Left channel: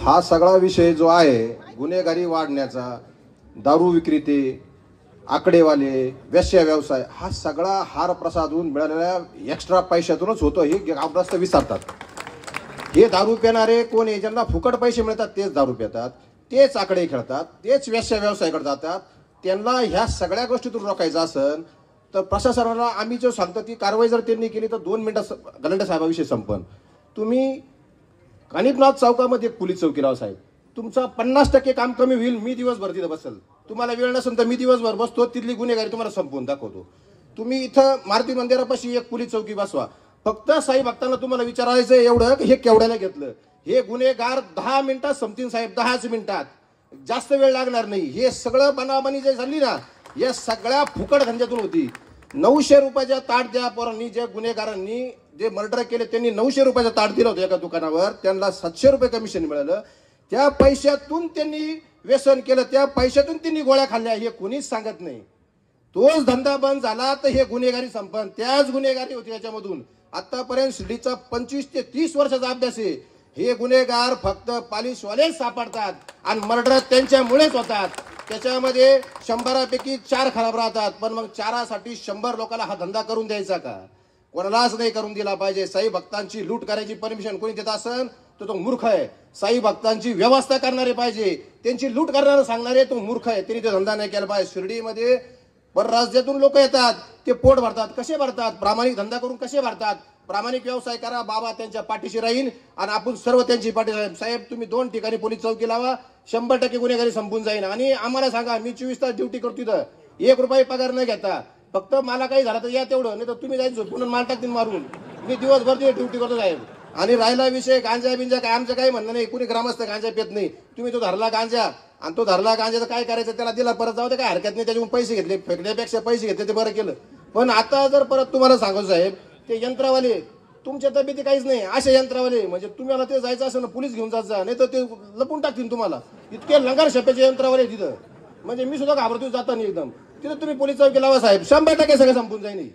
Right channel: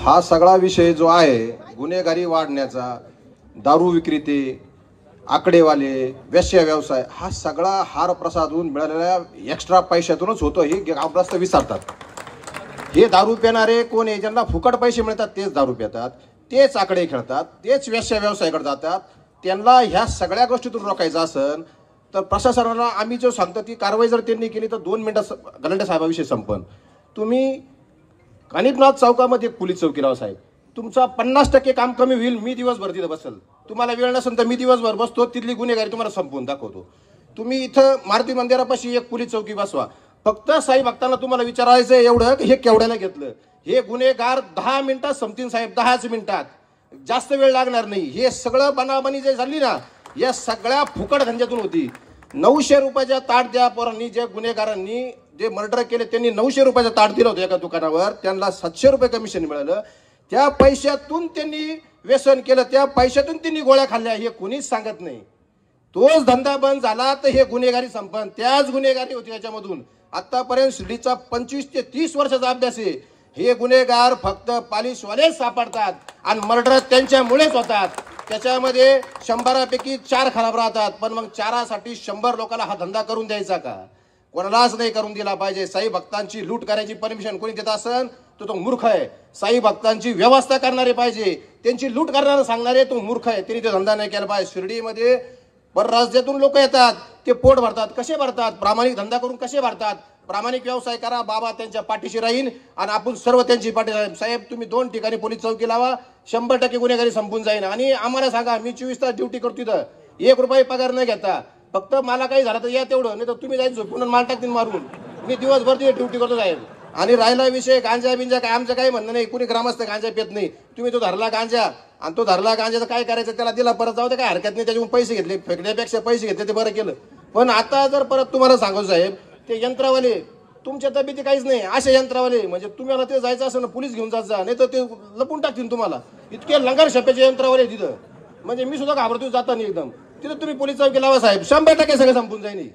हा सगळा विषय जो आहे गुन्हेगारी वाढण्याचा, दारू विक्रेते, आकडेवाले, वेश्या व्यवसाय, हा सगळा हार प्रसादून मिळालेल्या एक्स्ट्रा पैशातूनच होतो हे ग्रामस्थ विसरतात। हे दारू पिणारे कोण आहे, ज्यांना फुकट पैसे मिळतात तेच दारू पितात, तेच आकडे खेळतात, तेच वेश्या व्यवसायाकडे जातात। त्यांना ह्या सगळ्या गोष्टीतून रोखायचं असेल तर प्रशासनाला आम्ही जो सांगतो ती कारवाई जर त्यांनी केली तर 2 मिनिटात गलांडे साहेबाविषयी संपन। तुम्ही कानिपनाथ चौकामध्ये पोलीस चौकी लावा साहेब, तुमचा 50% काम कमी होईल। मी दिवसभर तिथे बसल, तुम्हाला वेळ नसेल तर मी दिवसभर बसतो, तिथली गुन्हेगारी तुम्हाला संपवून दाखवतो। तुम्ही इथं मारुती मंदिरापाशी एक पोलीस चौकी बसवा, फक्त साई भक्तांना तुम्हाला विचारायचं एवढं हे केवढ्याला घेतलं, हे गुन्हेगार 10 मिनिटात संपतील साहेब, 10च मिनिटात, जास्त वेळ लागणार नाही। हे सगळं बनावणी जे झाली ना या सगळ्या फुकट धंद्यातून होती। 900 रुपयाच्या ताट द्या पोरांनी, जे गुन्हेगारांनी जे मर्डर केले त्यांनी 900 रुपयाचं ताट दिलं होतं एका दुकानावर, त्यांना 700 रुपये कमिशन मिळालं। त्या पैशातून त्यांनी व्यसन केलं, त्या पैशातून त्यांनी गोळ्या खाल्ल्या, हे कोणीच सांगत नाही। तोच धंदा बंद झाला तर हे गुन्हेगारी संपन, त्याच गुन्हेगारी होती याच्यामधून। आतापर्यंत शिर्डीचा 25 ते 30 वर्षाचा अभ्यास आहे। हे गुन्हेगार फक्त पालिशवालेच सापडतात आणि मर्डर त्यांच्यामुळेच होतात। त्याच्यामध्ये 100 पैकी 4 खराब राहतात, पण मग 4साठी 100 लोकांना हा धंदा करून द्यायचा का? कोणालाच नाही करून दिला पाहिजे। साई भक्तांची लूट करायची परमिशन कोणी देत असेल तर तो मूर्ख आहे। साई भक्तांची व्यवस्था करणारे पाहिजे, त्यांची लूट करणारा सांगणारे तो मूर्ख आहे, त्यांनी तो धंदा नाही केला पाहिजे। शिर्डीमध्ये परराज्यातून लोक येतात, ते पोट भरतात, कसे भरतात? प्रामाणिक धंदा करून कसे भरतात? प्रामाणिक व्यवसाय करा, बाबा त्यांच्या पाठीशी राहील आणि आपण सर्व त्यांची पाठी राहील। साहेब तुम्ही 2 ठिकाणी पोलीस चौकी लावा, 100% गुन्हेगारी संपून जाईल। आणि आम्हाला सांगा, मी 24 तास ड्युटी करतो तिथं, 1 रुपया पगार न घेता, फक्त मला काही झालं तर या तेवढं, नाही तर तुम्ही जाईल झोपून माल टाकतील मारून। मी दिवसभर तिथे ड्युटी करतो साहेब। आणि राहिला विषय गांजा बिंजा, काय आमचं काही म्हणणं नाही, कुणी ग्रामस्थ गांजा पित नाही। तुम्ही तो धरला गांजा आणि तो धरला गांजाचं काय करायचं, त्याला दिला परत जाऊ दे, काय हरकत नाही, त्याच्यातून पैसे घेतले, फेकण्यापेक्षा पैसे घेतले ते बरं केलं। पण आता जर परत तुम्हाला सांगू साहेब, ते यंत्रवाले तुमच्या तब्येती काहीच नाही, असे यंत्रवाले म्हणजे तुम्हाला ते जायचं असेल ना पोलीस घेऊन जात जा, नाही तर ते लपून टाकतील तुम्हाला। इतके लंगर शप्याचे यंत्रवाले तिथं, म्हणजे मी सुद्धा घाबरतो जाता नाही एकदम। तिथं तुम्ही पोलीस चौकी लावा साहेब, 100% सगळं संपून जाईल।